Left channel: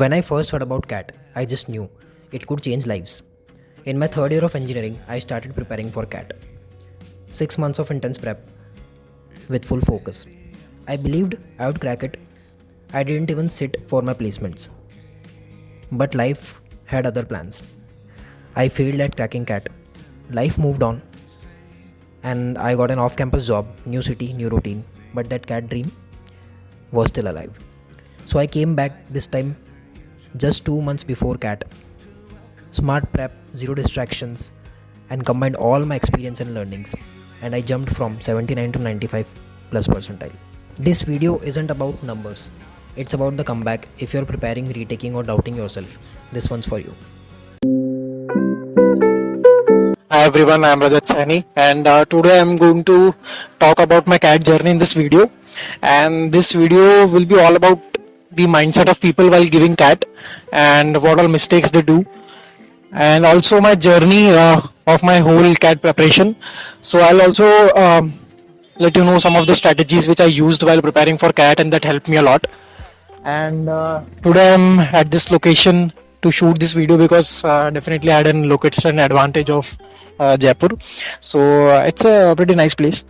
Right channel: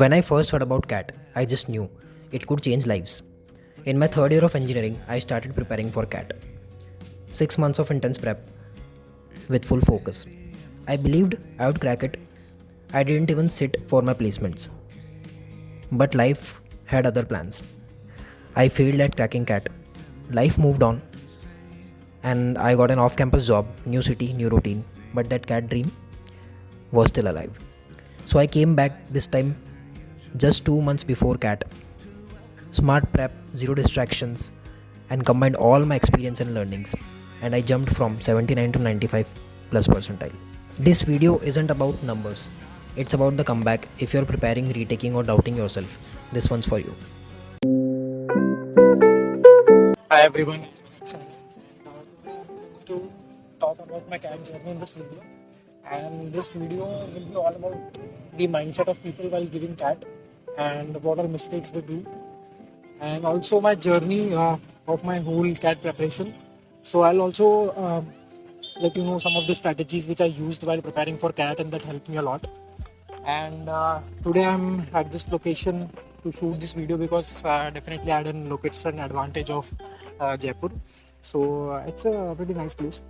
When I first heard about CAT, I just knew it could change lives. In my third year of engineering, I started preparing for CAT. 6 months of intense prep with full focus. I believed I would crack it. I didn't even sit for my placements. But life had other plans. I failed at cracking CAT. Life moved on, and I got an off campus job, new city, new routine. But that CAT dream was still alive. So I came back this time just 2 months before CAT. Smart prep, zero distractions, and combined all my experience and learnings. And I jumped from 79 to 95 plus percentile. This video isn't about numbers. It's about the comeback. If you're preparing, retaking, or doubting yourself, this one's for you. Hi everyone, I am Rajat Saini, and today I am going to talk about my CAT journey in this video. And this video will be all about the mindset of people while giving CAT and what all mistakes they do, and also my journey of my whole CAT preparation. So I'll also let you know some of the strategies which I used while preparing for CAT and that helped me a lot. And today I'm at this location to shoot this video because definitely I had an location advantage of Jaipur, so it's a pretty nice place.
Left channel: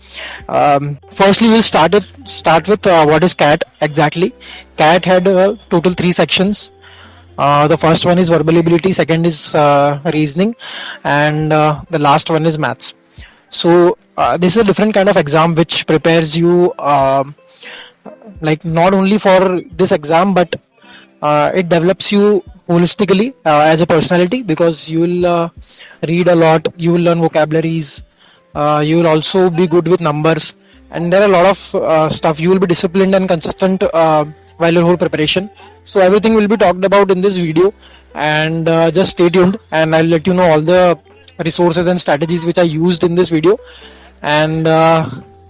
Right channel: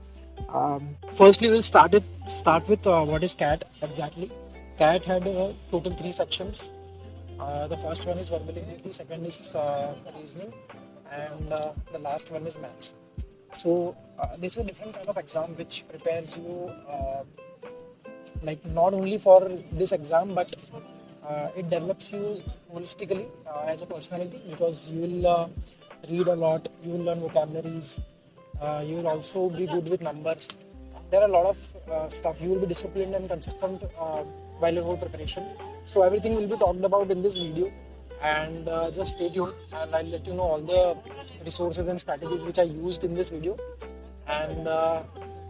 Firstly, we'll start with what is CAT exactly. CAT had total 3 sections. The first one is verbal ability, second is reasoning, and the last one is maths. So this is a different kind of exam which prepares you like not only for this exam, but it develops you holistically as a personality, because you will read a lot, you will learn vocabularies, you will also be good with numbers, and there are a lot of stuff. You will be disciplined and consistent while your whole preparation. So everything will be talked about in this video, and just stay tuned and I'll let you know all the resources and strategies which I used in this video. And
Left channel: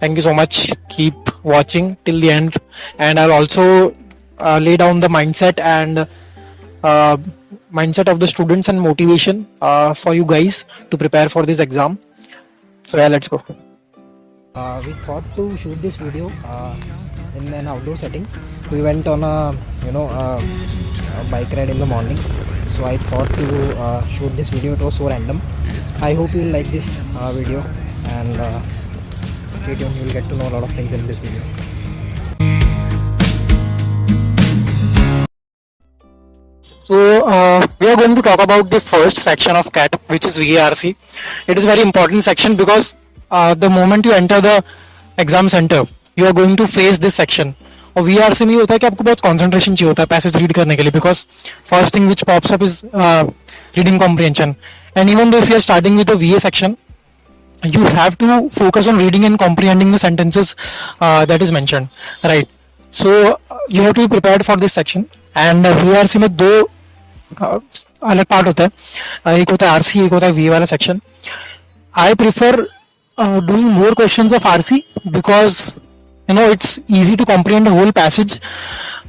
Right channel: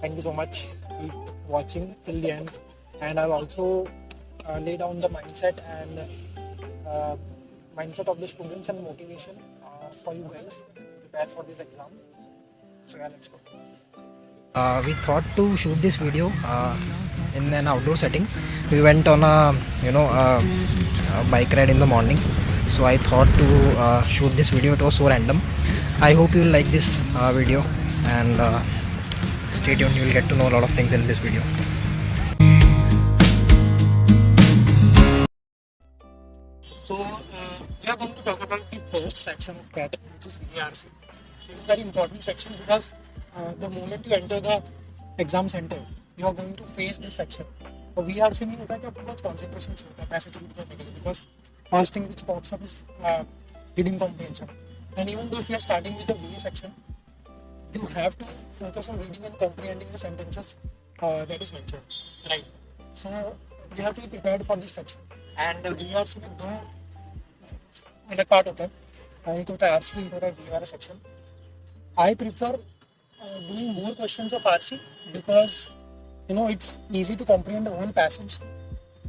thank you so much. Keep watching till the end, and I'll also lay down the mindset and mindset of the students and motivation for you guys to prepare for this exam. So yeah, let's go. We thought to shoot this video in an outdoor setting. We went on a bike ride in the morning. So I thought to shoot this video. It was so random. I hope you will like this video, and stay tuned. You will get to know a lot of things in this video. So we are going to talk about the first section of CAT, which is VARC. It is a very important section because the moment you enter the exam center, you are going to face this section. और VARC में होता है कि आपको बहुत concentration चाहिए होता है पैसेज रीड करने के लिए, because first thing which pops up is reading comprehension. And even though if you are starting with the VA section, you have to focus on reading and comprehending the sentences that is mentioned, right? So you have to be prepared for this section. And VARC में दो अलग पार्ट होता है, एक होता है RC, एक होता है VA वाला section. I prefer doing more questions of RC because it's easy to comprehend the whole passage,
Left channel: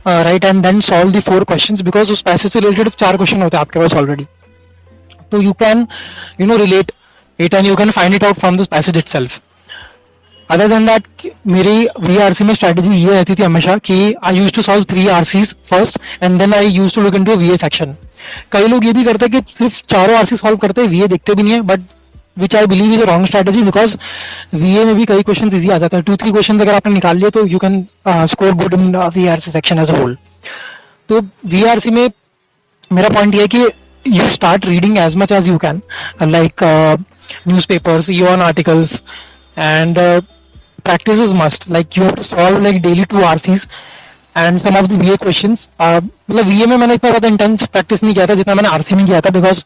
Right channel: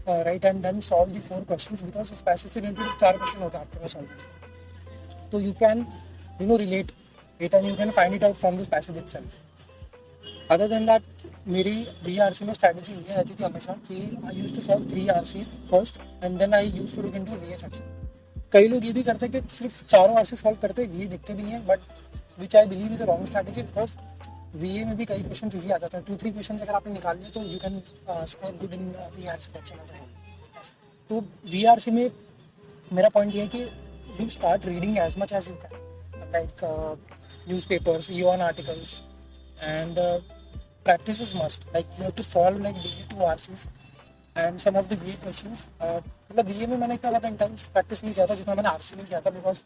right, and then solve the 4 questions, because उस passage से related 4 question होते हैं आपके पास already. So you can relate it and you can find it out from this passage itself. Other than that, मेरी VARC में strategy ये रहती थी हमेशा कि I used to solve 3 RCs first and then I used to look into a VA section. कई लोग ये भी करते हैं कि सिर्फ चारों RC solve करते हैं, VA देखते भी नहीं है, but which I believe is a wrong strategy, because VA में भी कई questions easy आ जाता है. 2-3 questions अगर आपने निकाल लिए तो you can score good in VARC section as a whole. तो VARC में मेरा point ये है कि you start reading as much as you can, like newspapers, EON articles, and practice is must. Like you have to solve like daily 2 RCs and some of the VA questions. मतलब VA में मैंने इतना ज़्यादा intense practice नहीं किया था जितना मैंने RC में किया था, because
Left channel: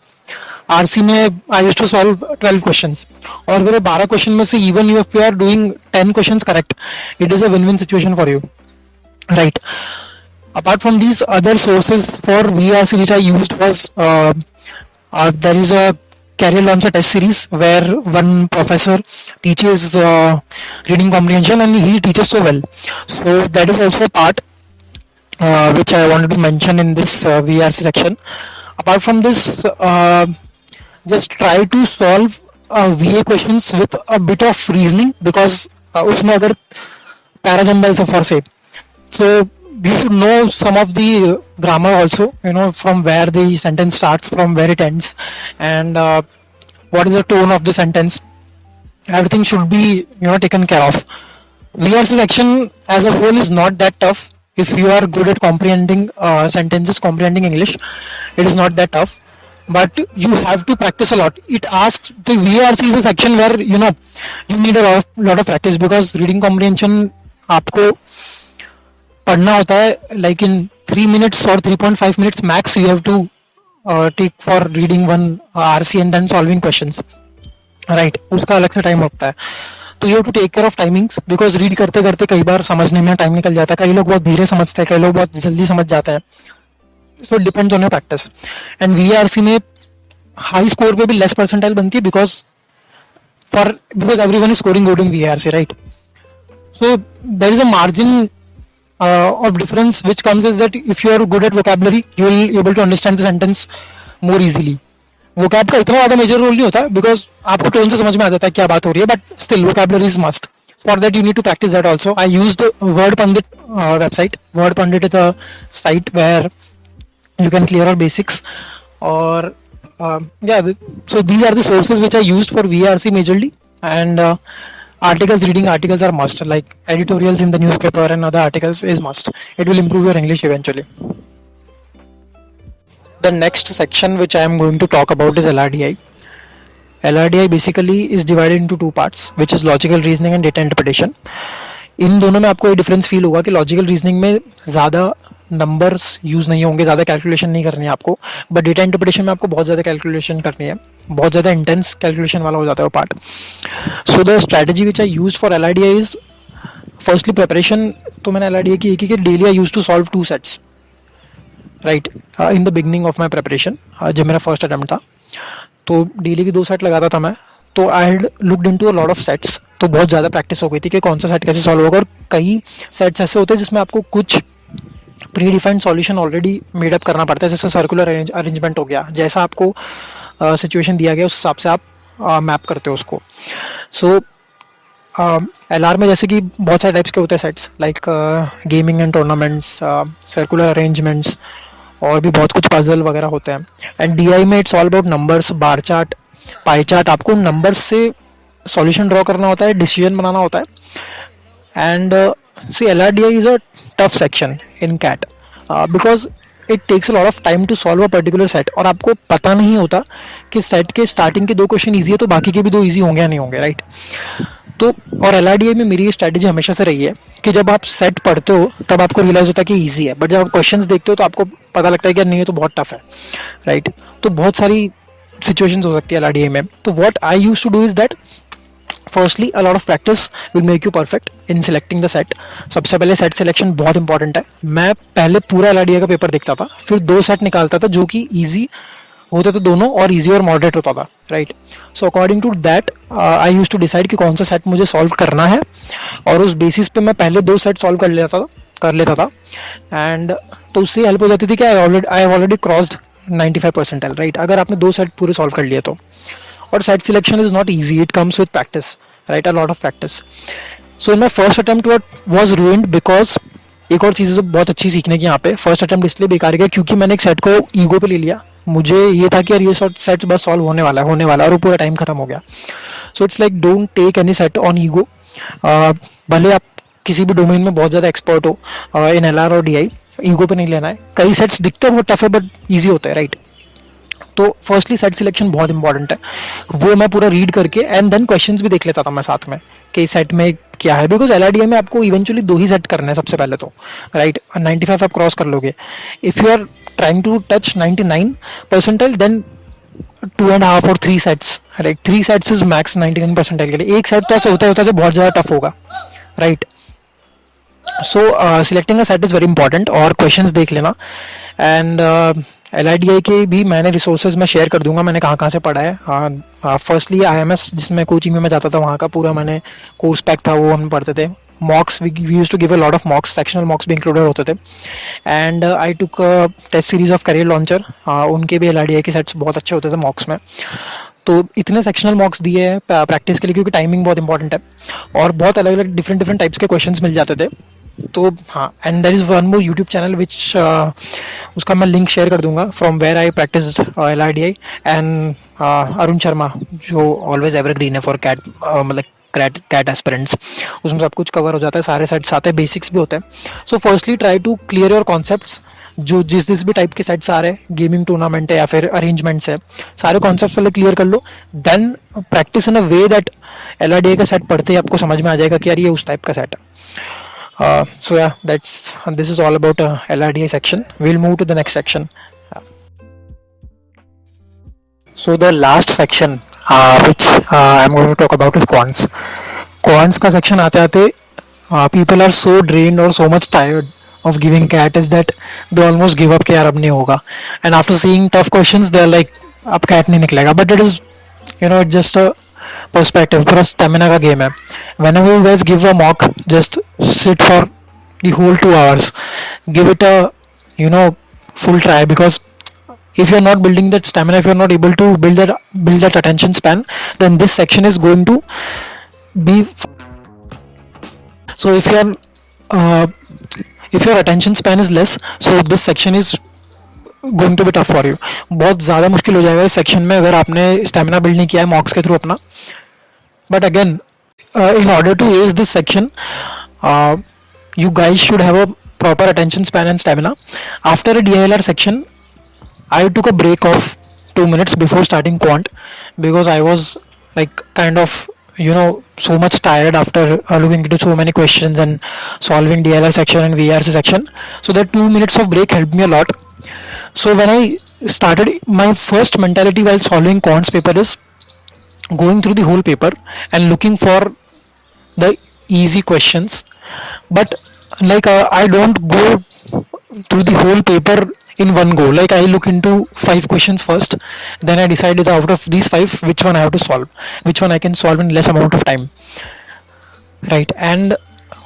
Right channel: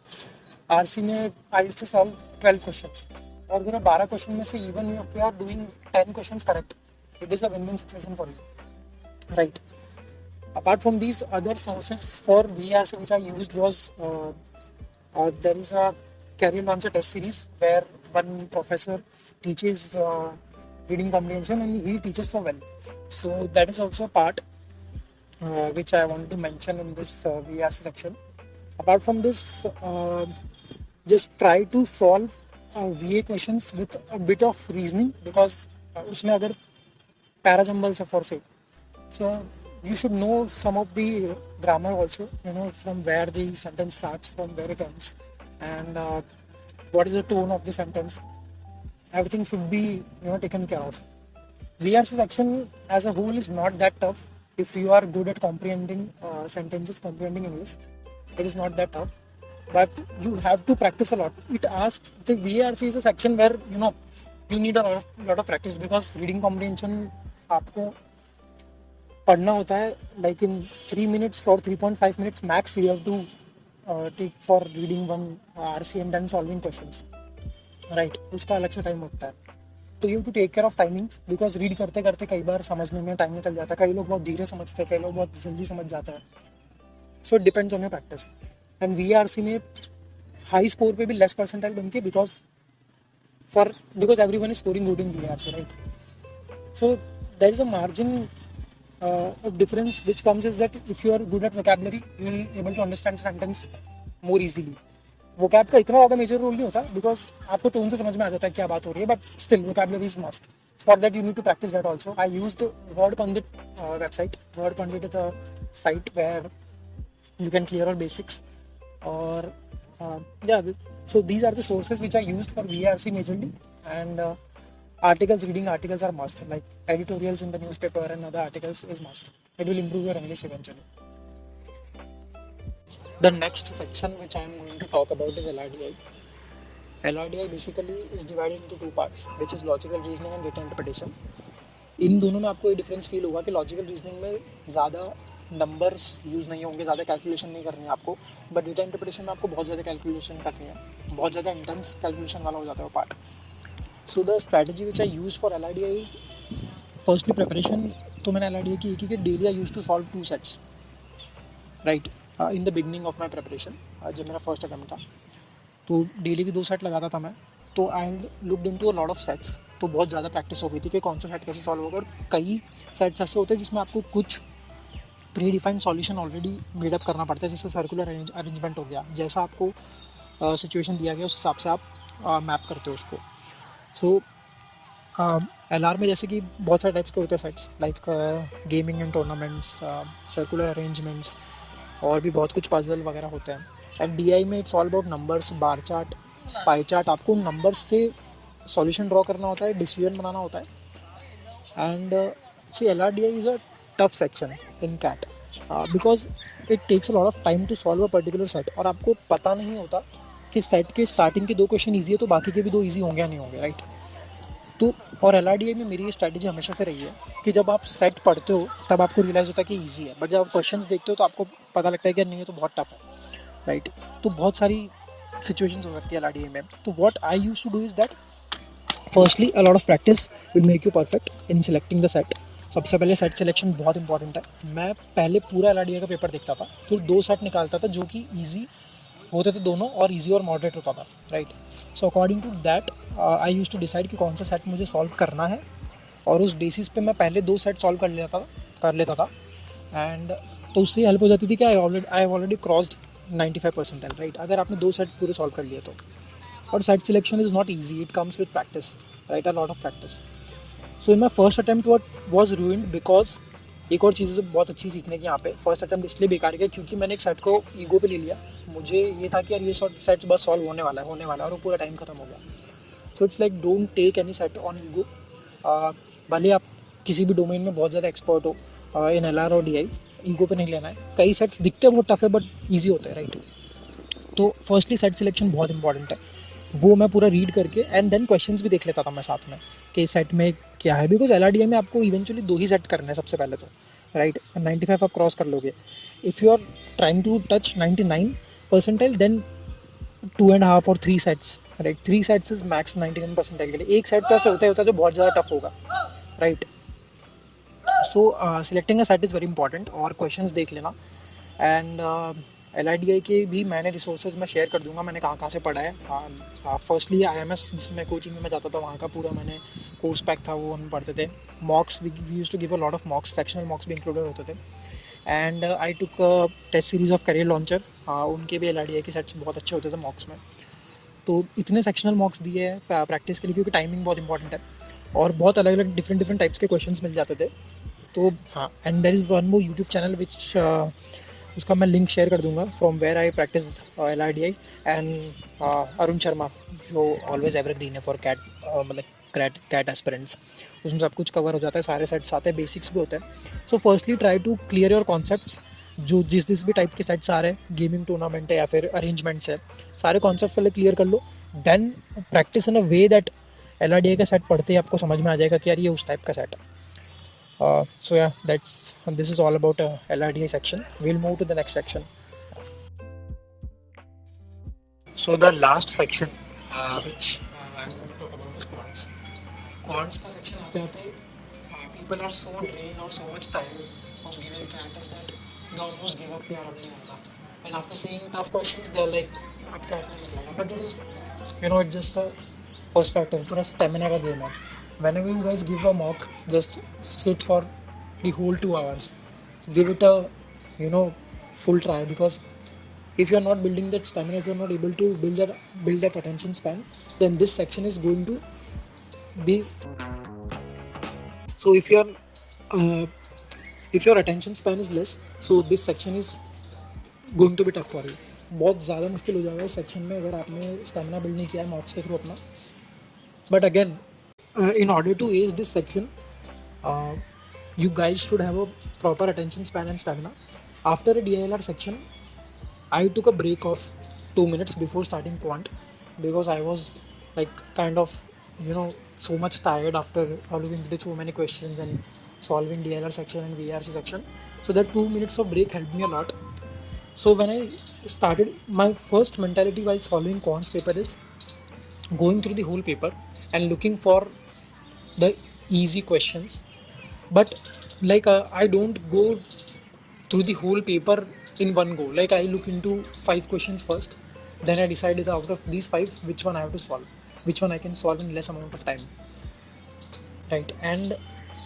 RC में I used to solve 12 questions. और अगर 12 question में से even if you are doing 10 questions correct, it is a win-win situation for you, right? Apart from these other sources for VARC which I used was there is a Career Launcher test series where one professor teaches reading comprehension and he teaches so well. So that is also a part which I wanted to mention in this VARC section. Apart from this, just try to solve VA questions with a bit of reasoning, because उसमें अगर पैराजम्बल से फॉर से, so you should know some of the grammar also, from where the sentence starts, from where it ends, and what is the tone of the sentence. Everything should be, taken care of. VRC section as a whole is not that tough. If you are good at comprehending sentences, comprehending English, it is not that tough. But you have to practice a lot. It asks, the VRC is a section where you need a lot of practice, because reading comprehension आपको पढ़ना होता है like in 3 minutes or 3.5 minutes max. You have to take for reading one RC and then solving questions, right? उसका अलग से टाइम लगता है. तो you have to take care of timings, because read करते करते कई बार समझने में टाइम निकल जाता है. कई लोग बहुत धीरे समझते हैं, कई लोग बहुत जल्दी समझ जाते हैं. So depends on your practice. And VRC में हाई स्कोर पे भी लेस परसेंटाइल बनती है, because everyone is scoring good in VRC, right? So there is a margin of difference which comes is that if you are good at vocabulary, you will be able to understand the sentence more easily. vocab का इतना ज़्यादा major role नहीं होता, बिकॉज आपको टोन से समझ में आ जाता है क्या बात हो रही है, but still vocabulary is must. For that you need to practice that also. I used Word Pandit website. Word Pandit is a site where you can clear out basics. Or so these are the sources which I used for VRC majorly. And reading articles are must. Like editorials in the newspaper and other articles is must. It will improve your English eventually. The next section which I am going to talk about is LRDI. LRDI basically is divided into two parts, which is logical reasoning and data interpretation. इन दोनों में आपको ये difference feel होगा कि logical reasoning में ज़्यादा numbers use नहीं होंगे, ज़्यादा कैलकुलेशन नहीं करनी है आपको, बट डेटा इंटरप्रिटेशन में आपको बहुत ज़्यादा कैलकुलेशन करनी है, बहुत ज़्यादा इंटेंस कैलकुलेशन वाला हो जाता है वो part. So the strategy which I use for LRDI is firstly preparation. तो मैंने LRDI की एक ही कि daily I use to solve 2 sets, right, in the beginning of my preparation. जब मेरा फर्स्ट अटैम्प्ट था तो डेली की 2 सेट लगाता था मैं. तो I had looked into a lot of sets. तो बहुत ज़्यादा प्रैक्टिस हो गई थी कि कौन सा सेट कैसे सॉल्व होगा. और कई सेट्स ऐसे होते हैं जिसमें आपको कुछ pre defined solution already made up करना पड़ता है, जैसे सर्कुलर अरेंजमेंट हो गया, जैसा आपको सिचुएशन दिया गया उस हिसाब से आप मैप करते हो उसको. सो LR में जैसे कि बहुत सारे टाइप्स के होते हैं sets, like gaming and tournaments, circular arrangements, और भी बहुत कुछ पजल वगैरह होते हैं. एंड DI में it's all about numbers, bar chart, pie chart. आपको नंबर्स से सॉल्यूशन ड्रॉ करना होता है, डिसीजन बनाना होता है. And see LRDI is a tough section in CAT because it takes a lot of time to solve a particular set. और आपको पता नहीं होता कि सेट के स्टार्टिंग के 2 क्वेश्चन ईजी है तो बाकी के भी 2 ईजी होंगे या नहीं होंगे, राइट? तो और LRDI में मेरी स्ट्रैटेजी हमेशा से रही है कि जब आप सेट पढ़ते हो तब आपको रियलाइज होता है कि ईजी है, बट जब आप क्वेश्चंस देखते हो तो आपको पता लगता है कि नहीं, ये तो बहुत टफ है, राइट? तो बहुत सारी सिचुएशंस हो सकती है LRDI में. तो what I used to do is that firstly a lot of practice will make you perfect in selecting the set. सबसे पहले सेट सिलेक्शन बहुत इंपॉर्टेंट है. मैं पहले पूरा LRDI का पेपर देखता था, फिर 2 सेट निकालता था जो कि ईजी होते थे दोनों, और इजी और मॉडरेट होता था, right? So according to that I use to decide कि कौन सा सेट मुझे सॉल्व करना है, और उस बेसिस पे मैं पहले 2 सेट सॉल्व कर लेता था. एंड तो उससे हेल्प हो जाती थी कि I have already crossed 95 percentile, right? अगर आपने 2 सेट पूरे सॉल्व कर लिए तो. और set selection is not easy, it comes with practice, right? A lot of practice. So in my first attempt was ruined because एक और चीज़ बहुत अच्छी सीखने की यहाँ पे. फर्स्ट अटेम्प्ट इसलिए बेकार गया क्योंकि मैंने एक सेट को ईगो पे ले लिया. मुझे ये था कि यार ये सेट बस सॉल्व होने वाला है, और वो पूरा टाइम खत्म हो गया. So it's like don't take any set on ego. भले आप किसी भी डोमेन में बहुत ज़्यादा एक्सपर्ट हो, इन LR और DI, ईगो पे नहीं लेना है. कई सेट्स दिखते हैं बहुत टफ है बट ईजी होते हैं, राइट? तो फर्स्टली सेट सिलेक्शन बहुत इंपॉर्टेंट है. वो मैं पूरा रीड करके एंड देन क्वेश्चंस भी देख लेता था मैं साथ में कि सेट में क्या है, बिकॉज LRDI में आपको इवेंचुअली 2 ही सेट करने हैं सबसे पहले तो, राइट? 95 आप क्रॉस कर लोगे. If you are trying to touch 99 percentile then 2.5 और 3 sets, right? 3 sets is max 99 percentile के लिए. एक सेट तो ऐसा होता है जो बहुत ज़्यादा टफ होगा, राइट? सो selecting a set is very important, और क्वेश्चंस देख लेना. एंड LRDI के भी मैंने रिसोर्सेज में शेयर कर दूंगा मैंने कहाँ से पढ़ा है. फर्स्टली IMS जिसमें कोचिंग में मैं जाता था, वहाँ का पूरा मैंने कोर्स पैक था, वो हम पढ़ते थे. Mocks we use to give a lot of mocks, sectional mocks भी इंक्लूडेड होते थे. And I took test series of career launcher, उनके भी LRDI के सेट्स बहुत अच्छे होते थे मॉक्स में. तो इतने सेक्शनल मॉक्स दिए हैं प्रैक्टिस के लिए, क्योंकि टाइमिंग बहुत इंपॉर्टेंट है, और बहुत अलग अलग डिफरेंट टाइप्स के क्वेश्चंस मिल जाते थे. तो हाँ, and there is one more YouTube channel which उसका मैं लिंक शेयर कर दूंगा, from where I practice LRDI, and Arun Sharma जो ऑलवेज एवरग्रीन है फॉर कैट, मतलब कैट एस्पिरेंट्स, उसमें सब कुछ कवर हो जाता है, सारे सेट्स आते हैं, बेसिक्स भी होते हैं. So firstly try to clear your concepts. जो जिस भी टाइप के सेट्स आ रहे हैं, गेमिंग टूर्नामेंट है या फिर अरेंजमेंट्स है, सारे कॉन्सेप्ट्स पहले क्लियर कर लो. Then practice in a way that LRDI का सेट पढ़ते ही आपको समझ में आ जाएगा कि यार ये उस टाइप का सेट है. So yeah, this is all about LRDI section. We'll move to the next section. So the last section which I'm going to talk about is quants. Quants का section आते आते people are so drained or so much tired of giving cat is that they almost give up कि यार अब नहीं होगा. And after seeing tough questions, they're like अब cat नहीं निकलेगा. But it is, it's just a perspective. पूरा स्टेमिना का गेम है. Whenever you guys give a mock, just sit for the whole 2 hours. Give it a full try, because if you're not building that stamina, if you're not able to build that attention span, then this section is going to be. So if your attention span is less, so this section is going to be tough for you. बहुत ज़्यादा मुश्किल हो जाएगा इस सेक्शन में अगर आपने stamina build नहीं किया है मॉक्स के थ्रू अपना. But again, in order to ace this section, you guys should have a proper attention span and stamina. After a DILR section, I took a break of 2 minutes before starting quant, because I was like kind of so much tired after looking into so many questions and solving DLR section and VRC section. So that 2 minutes of break helped me a lot. So when I started, my first mentality while solving quants paper is going through the whole paper and looking for the easy questions. But like I don't go through the whole paper in one go. Like I look into 5 questions first, then I decide out of these 5 which one I have to solve, which one I can solve in less amount of time, right? And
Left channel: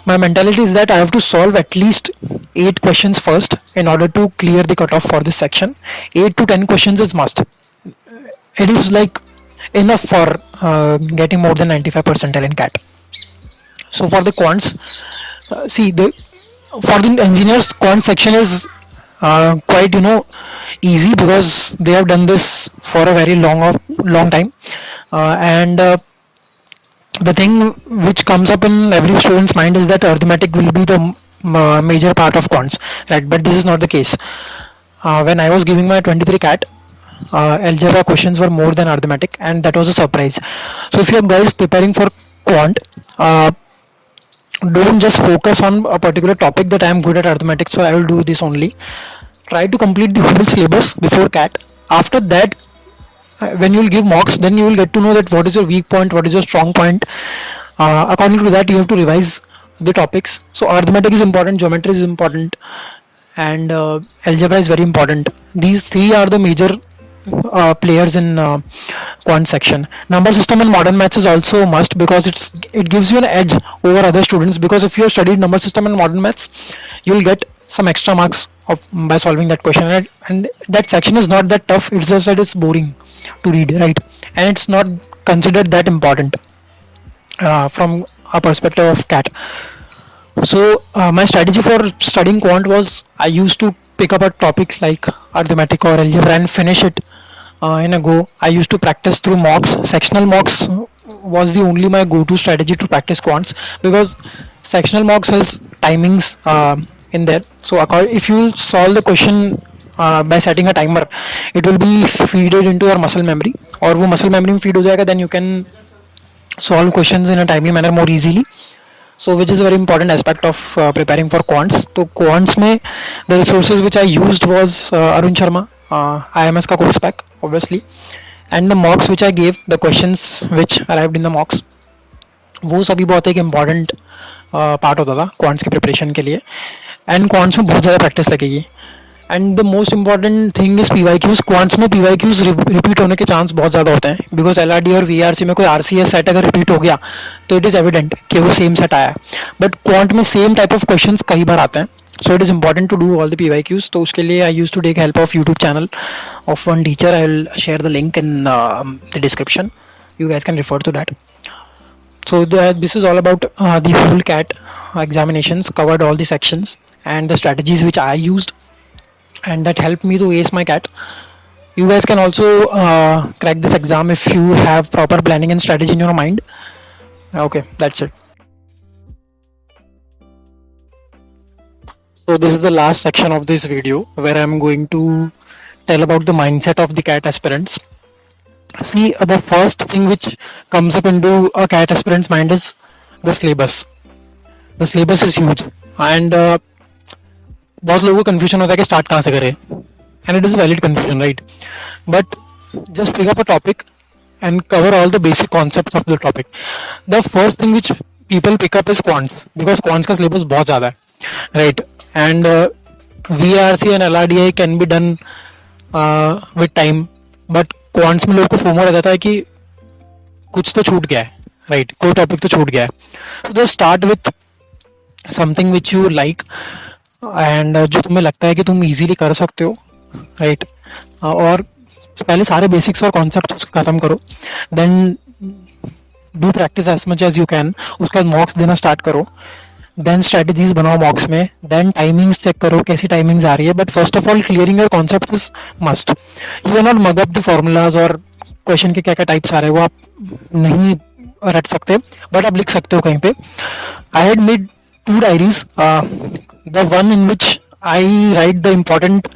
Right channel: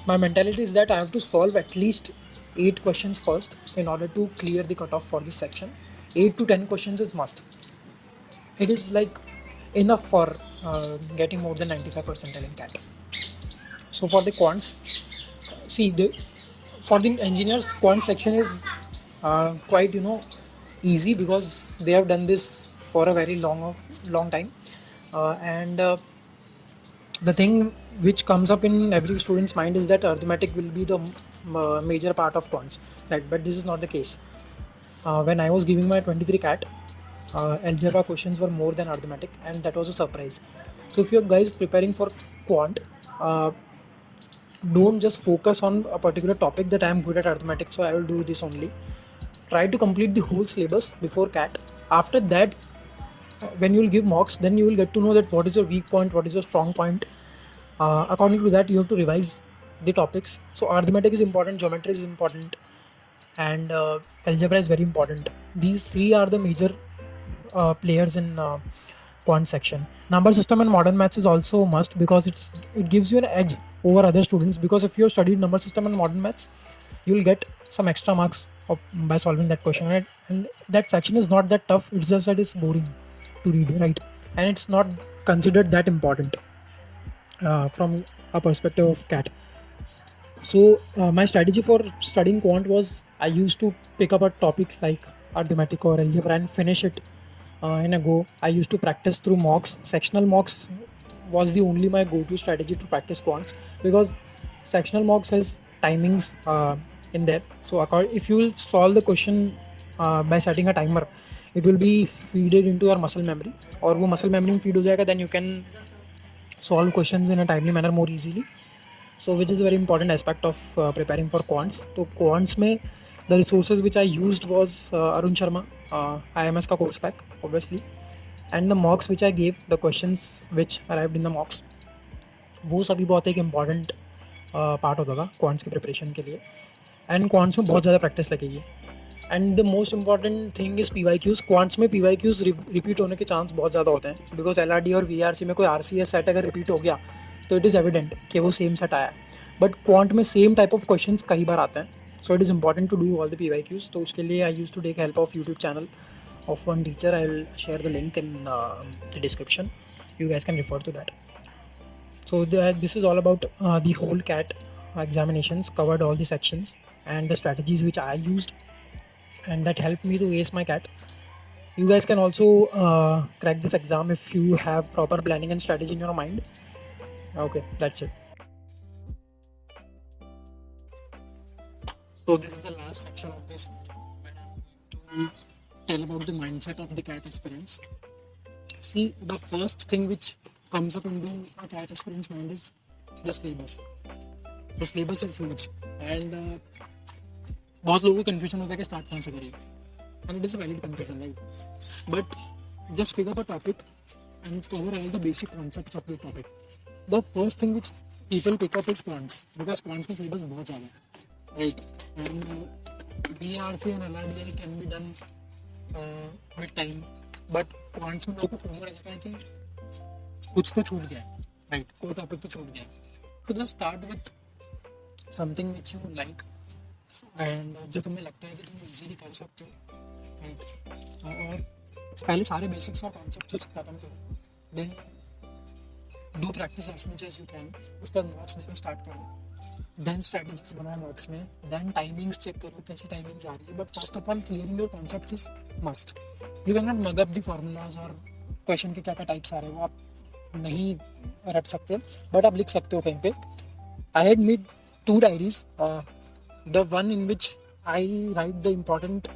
my mentality is that I have to solve at least 8 questions first in order to clear the cutoff for this section. 8 to 10 questions is must. It is like enough for getting more than 95 percentile in CAT. So for the quants, for the engineers, quant section is quite easy, because they have done this for a very long time, and the thing which comes up in every student's mind is that arithmetic will be the major part of quants, right? But this is not the case. When I was giving my 23 CAT, algebra questions were more than arithmetic, and that was a surprise. So if you are guys preparing for quant, don't just focus on a particular topic that I am good at arithmetic, so I will do this only. Try to complete the whole syllabus before CAT. After that, when you will give mocks, then you will get to know that what is your weak point, what is your strong point. According to that, you have to revise the topics. So arithmetic is important, geometry is important, and algebra is very important. These 3 are the major players in quant section. Number system and modern maths is also must, because it gives you an edge over other students, because if you have studied number system and modern maths, you will get some extra marks by solving that question. And that section is not that tough, it's just that it's boring to read, right? And it's not considered that important from a perspective of CAT. So my strategy for studying quant was, I used to pick up a topic like arithmetic or algebra and finish it in a go. I used to practice through mocks. Sectional mocks was the only my go-to strategy to practice quants, because sectional mocks has timings in there. So if you solve the question by setting a timer, it will be feeded into your muscle memory, और वो muscle memory में feed हो जाएगा, then you can solve questions in a timely manner more easily. So which is a very important aspect of preparing for quants. तो quants में the resources which I used was Arun Sharma, IMS का course pack obviously, and the mocks which I gave, the questions which arrived in the mocks, वो सभी बहुत एक important part होता था quants की preparation के लिए. And quants में बहुत ज़्यादा practice लगेगी. And the most important thing is PYQs. Quants में PYQs रिपीट होने के चांस बहुत ज़्यादा होते हैं, बिकॉज LRD और VRC में कोई RCS सेट अगर रिपीट हो गया तो इट इज़ एविडेंट कि वो सेम सेट आया है. बट क्वांट में सेम टाइप ऑफ क्वेश्चंस कई बार आते हैं, so it is important to do all the PYQs. तो उसके लिए I use to take help of YouTube channel of one teacher. I will share the link in the description. You guys can refer to that. So this is all about the whole CAT examinations, covered all the sections and the strategies which I used, and that helped me to ace my CAT. You guys can also crack this exam if you have proper planning and strategy in your mind. Okay, that's it. So this is the last section of this video where I'm going to tell about the mindset of the CAT aspirants. See, the first thing which comes up into a CAT aspirant's mind is the syllabus. The syllabus is huge and बहुत लोगों को confusion होता है कि start कहाँ से करें, and it is a valid confusion, right? But just pick up a topic and cover all the basic concepts of the topic. The first thing which people pick up is quants, because quants का syllabus बहुत ज़्यादा है, right? And VRC and LRDI can be done with time, but quants में लोगों को FOMO रह जाता है कि कुछ तो छूट गया है, right? कोई टॉपिक तो छूट गया है. So just start with something which you like and जो तुम्हें लगता है कि तुम easily कर सकते हो, right? और पहले सारे बेसिक्स और कॉन्सेप्ट उसको खत्म करो, then do practice as much as you can. उसके बाद मॉक्स देना स्टार्ट करो, देन स्ट्रेटजीज बनाओ मॉक्स में, देन टाइमिंग्स चेक करो कैसी टाइमिंग्स आ रही है. But first of all clearing your concepts is must. You can not mug up the formulas और क्वेश्चन के क्या क्या टाइप्स आ रहे हैं वो आप नहीं रट सकते, बट आप लिख सकते हो कहीं पे. I had made 2 diaries, the one in which I right the important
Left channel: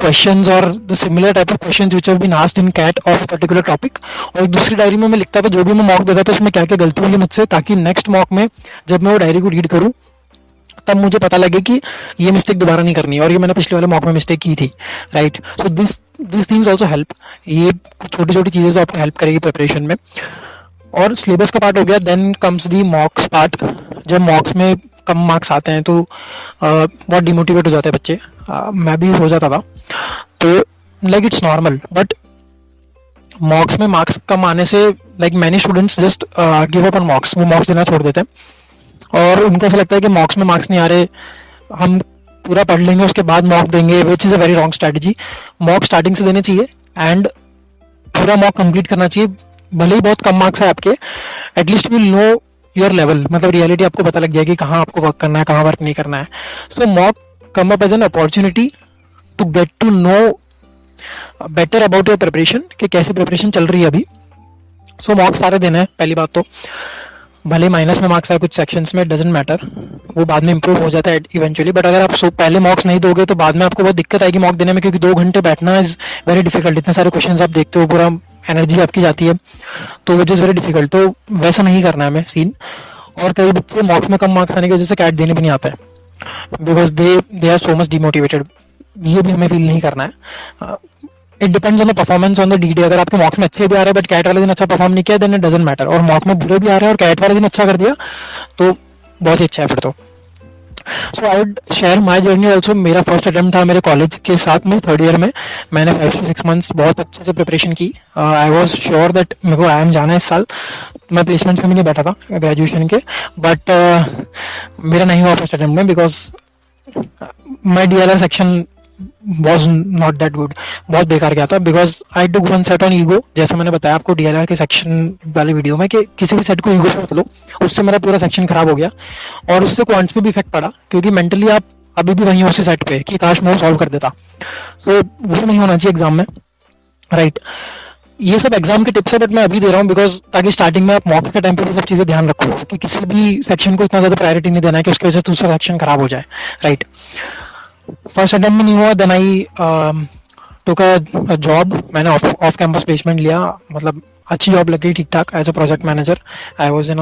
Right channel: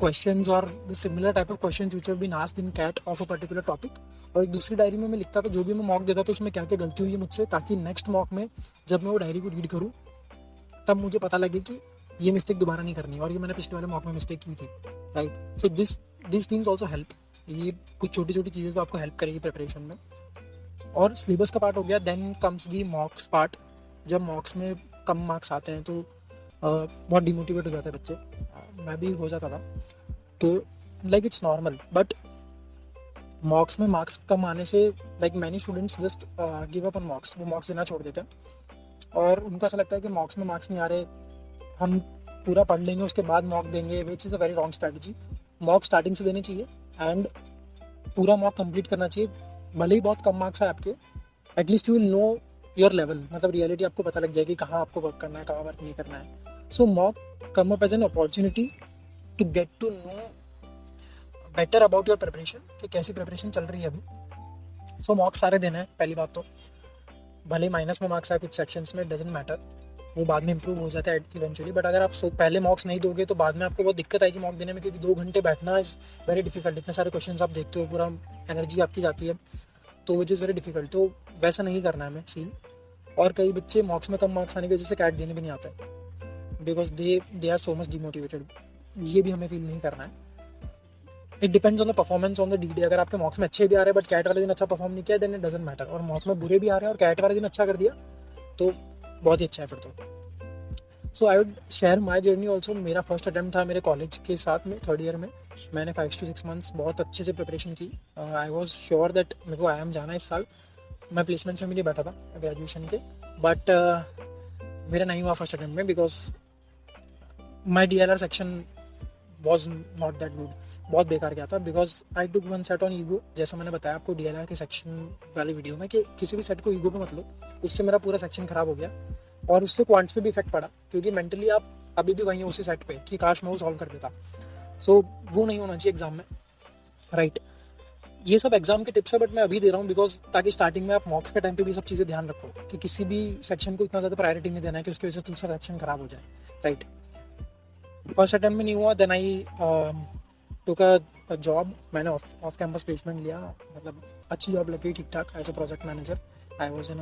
questions or the similar type of questions which have been asked in CAT of a particular topic, और एक दूसरी डायरी में मैं लिखता था जो भी मैं मॉक देता था उसमें क्या क्या गलती हुई मुझसे, ताकि नेक्स्ट मॉक में जब मैं वो डायरी को रीड करूं तब मुझे पता लगे कि ये मिस्टेक दोबारा नहीं करनी है और ये मैंने पिछले वाले मॉक में मिस्टेक की थी, right? So this things also help. ये कुछ छोटी छोटी चीज़ें जो आपको हेल्प करेगी प्रिपरेशन में. और सिलेबस का पार्ट हो गया, then comes the mocks part. जब मॉक्स में कम मार्क्स आते हैं तो बहुत डिमोटिवेट हो जाते हैं बच्चे. मैं भी हो जाता था, तो लाइक इट्स नॉर्मल. बट मॉक्स में मार्क्स कम आने से like many students just give up on मॉक्स. वो मॉक्स देना छोड़ देते हैं और उनको ऐसा लगता है कि मॉक्स में मार्क्स नहीं आ रहे, हम पूरा पढ़ लेंगे उसके बाद मॉक देंगे, which is a very wrong strategy. Mock starting से देने चाहिए एंड पूरा मॉक कंप्लीट करना चाहिए. भले ही बहुत कम मार्क्स है आपके, at least will know your level, मतलब रियलिटी आपको पता लग जाएगी कहाँ आपको वर्क करना है, कहाँ वर्क नहीं करना है. So mock come up as an opportunity to get to know better about your preparation, कि कैसे प्रिपरेशन चल रही है अभी. सो मॉक सारे देना है. पहली बात तो भले माइनस में मार्क्स आए कुछ सेक्शंस में, डजेंट मैटर, वो बाद में इंप्रूव हो जाता है इवेंचुअली. बट अगर आप पहले मॉक्स नहीं दोगे तो बाद में आपको बहुत दिक्कत आएगी मॉक देने में, क्योंकि 2 घंटे बैठना इज वेरी डिफिकल्ट. इतने सारे क्वेश्चन आप देखते हो, पूरा एनर्जी आपकी जाती है, तो विच इज़ वेरी डिफिकल्ट. तो वैसा नहीं करना है हमें सीन. और कई बच्चे मॉक्स में कम मार्क्स आने की वजह से कैट देने भी नहीं आता है, because they are so much demotivated. ये भी हमें फील नहीं करना है. It depends on the performance on the D day. अगर आपके मॉक्स में अच्छे भी आ रहे हैं बट कैट वाले दिन अच्छा परफॉर्म नहीं किया, देन इट डजंट मैटर. और मॉक में बुरे भी आ रहे हैं और कैट वाले दिन अच्छा कर दिया तो बहुत ही अच्छा है फिर तो. So I would share my journey also. मेरा फर्स्ट अटेम्प्ट था मेरे कॉलेज के साथ में, 3rd ईयर में. मैंने 5 to 6 months बहुत अच्छे से प्रिपरेशन की. आई वॉज श्योर दैट मेरे को IIM जाना है इस साल. मैं प्लेसमेंट में भी नहीं बैठा था ग्रेजुएशन के, बट मेरा नहीं हुआ फर्स्ट अटेम्प्ट में, because my DLR section was not that good. बहुत बेकार गया था, because I took one set on ego. जैसे मैंने बताया आपको DLR के सेक्शन वाले वीडियो में कि किसी भी सेट को ईगो से मत लो, उससे मेरा पूरा सेक्शन खराब हो गया और उससे क्वांट्स पे भी इफेक्ट पड़ा, क्योंकि मेंटली आप अभी भी वहीं हो उसी सेट पे कि काश मैं सॉल्व कर देता. सो वो नहीं होना चाहिए एग्जाम में, राइट? ये सब एग्जाम के टिप्स है, बट मैं अभी दे रहा हूँ बिकॉज ताकि स्टार्टिंग में आप मॉक्स के टाइम पे भी सब चीज़ें ध्यान रखो कि किसी भी सेक्शन को इतना ज़्यादा प्रायोरिटी नहीं देना है कि उसकी वजह से दूसरा सेक्शन खराब हो जाए, राइट? फर्स्ट अटेम्प्ट में नहीं हुआ, then I took a job. मैंने ऑफ कैंपस प्लेसमेंट लिया, मतलब अच्छी जॉब लग गई ठीक ठाक as a project manager. I was in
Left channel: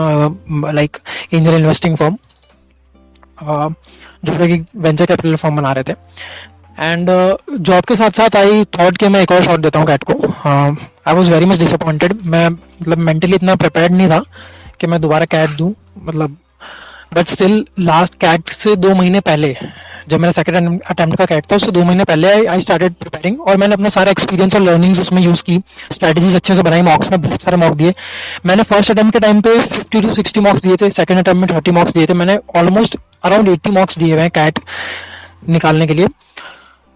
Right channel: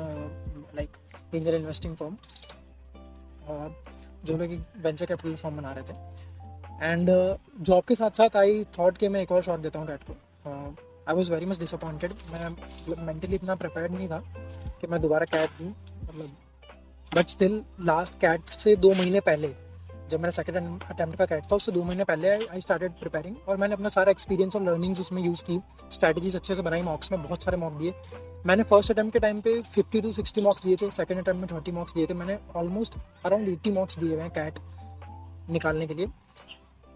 like angel investing firm, जो कि वेंचर कैपिटल फर्म बना रहे थे. एंड जॉब के साथ साथ आई थॉट कि मैं एक और शॉट देता हूँ कैट को. I was very much disappointed. मैं मतलब मेंटली इतना प्रिपेयर्ड नहीं था कि मैं दोबारा कैट दूँ, मतलब. बट स्टिल लास्ट कैट से 2 महीने पहले, जब मेरा सेकंड अटेम्प्ट का कैट था उससे 2 महीने पहले आई स्टार्टेड प्रिपेयरिंग, और मैंने अपना सारा एक्सपीरियंस और लर्निंग्स उसमें यूज़ की. स्ट्रैटेजीज अच्छे से बनाई. मॉक्स में बहुत सारे मॉक दिए. मैंने फर्स्ट अटेम्प्ट के टाइम पे 50 to 60 मॉक्स दिए थे, सेकंड अटेम्प्ट में 30 मॉक्स दिए थे. मैंने ऑलमोस्ट अराउंड 80 मॉक्स दिए हुए हैं कैट निकालने के लिए.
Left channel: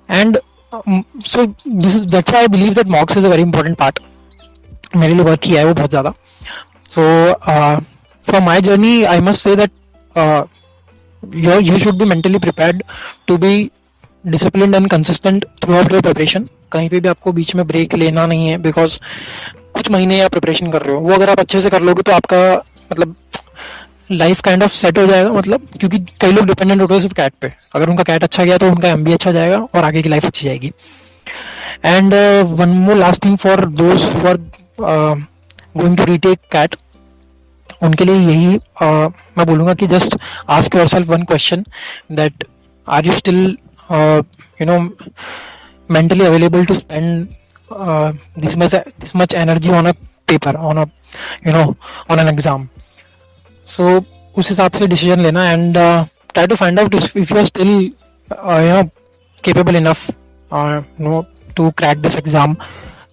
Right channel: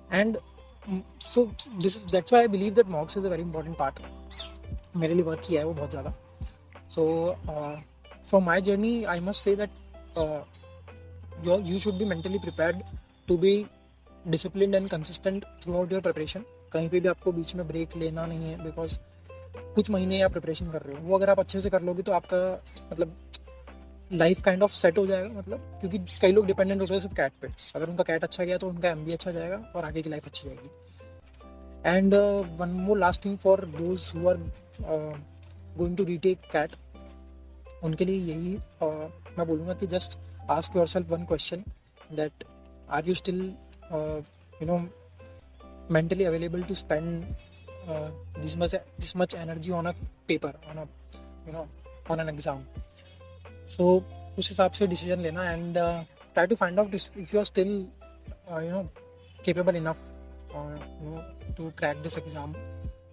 And so that's why I believe that मॉक्स is a very important part. मेरे लिए वर्क किया है वो बहुत ज़्यादा. So from my journey I must say that you should be mentally prepared to be disciplined and consistent throughout your preparation. कहीं पे भी आपको बीच में ब्रेक लेना नहीं है, बिकॉज कुछ महीने आप प्रिपरेशन कर रहे हो, वो अगर आप अच्छे से कर लोगे तो आपका मतलब लाइफ काइंड ऑफ सेट हो जाएगा. मतलब क्योंकि कई लोग डिपेंडेंट होते हैं सिर्फ कैट पे, अगर उनका कैट अच्छा गया तो उनका एमबी अच्छा जाएगा और आगे की लाइफ अच्छी जाएगी. And one more last thing for those who are going to retake CAT, उनके लिए यही मैं बोलूँगा कि just ask yourself one question, that are you still you know mentally available to spend this much energy on a paper, on a on an exam. So उस हिसाब से डिसीजन लेना and try to find out if you are still capable enough to crack this exam,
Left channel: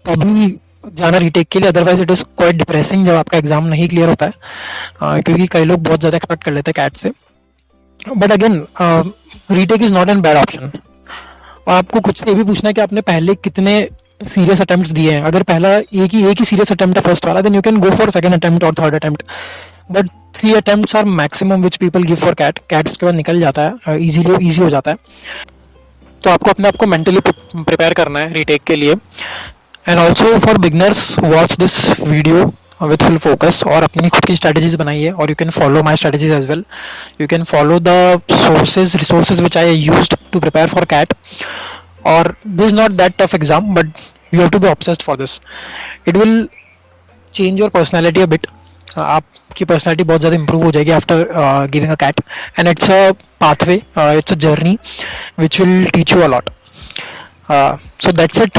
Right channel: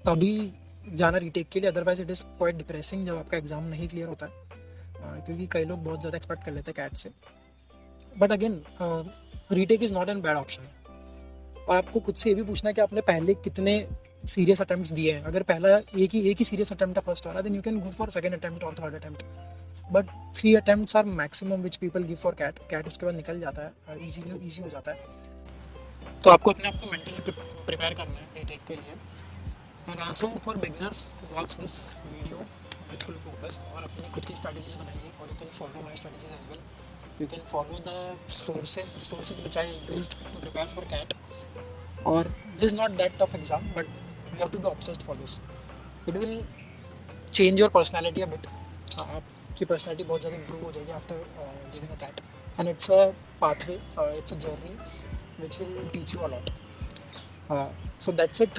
तभी जाना रीटेक के लिए. Otherwise it is quite depressing जब आपका एग्जाम नहीं क्लियर होता है, क्योंकि कई लोग बहुत ज़्यादा एक्सपेक्ट कर लेते हैं कैट से. But again retake is not an bad option. और आपको खुद से ये भी पूछना है कि आपने पहले कितने सीरियस अटेम्प्ट्स दिए हैं. अगर पहला एक ही सीरियस अटेम्प्ट है फर्स्ट वाला, then you can go for second attempt और third attempt. But 3 attempts are maximum which people give for CAT उसके बाद निकल जाता है, ईजी हो जाता है. तो आपको अपने आप को मेंटली प्रिपेयर करना है रीटेक के लिए. And also for beginners, watch this video with full focus और अपनी खुद की स्ट्रेटजीज बनाइए. और you can follow my strategies as well. You can follow the resources which I used to prepare for CAT. और this is not that tough exam, but you have to be obsessed for this. It will change your personality a bit. आपकी personality बहुत ज़्यादा improve हो जाएगी after giving a CAT. And it's a pathway, it's a journey which will teach you a lot. So that's it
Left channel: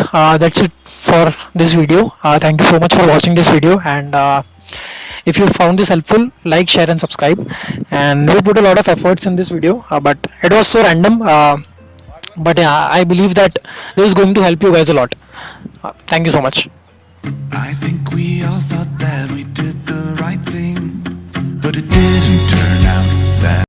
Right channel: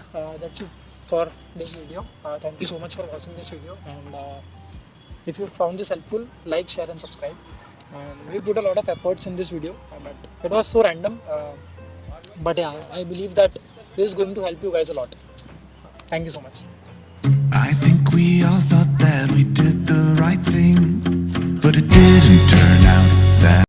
for this video. Thank you so much for watching this video, and if you found this helpful, like, share and subscribe. And we put a lot of efforts in this video, but it was so random, but yeah, I believe that this is going to help you guys a lot. Thank you so much. I think we all thought that we did the right thing, but it didn't turn out that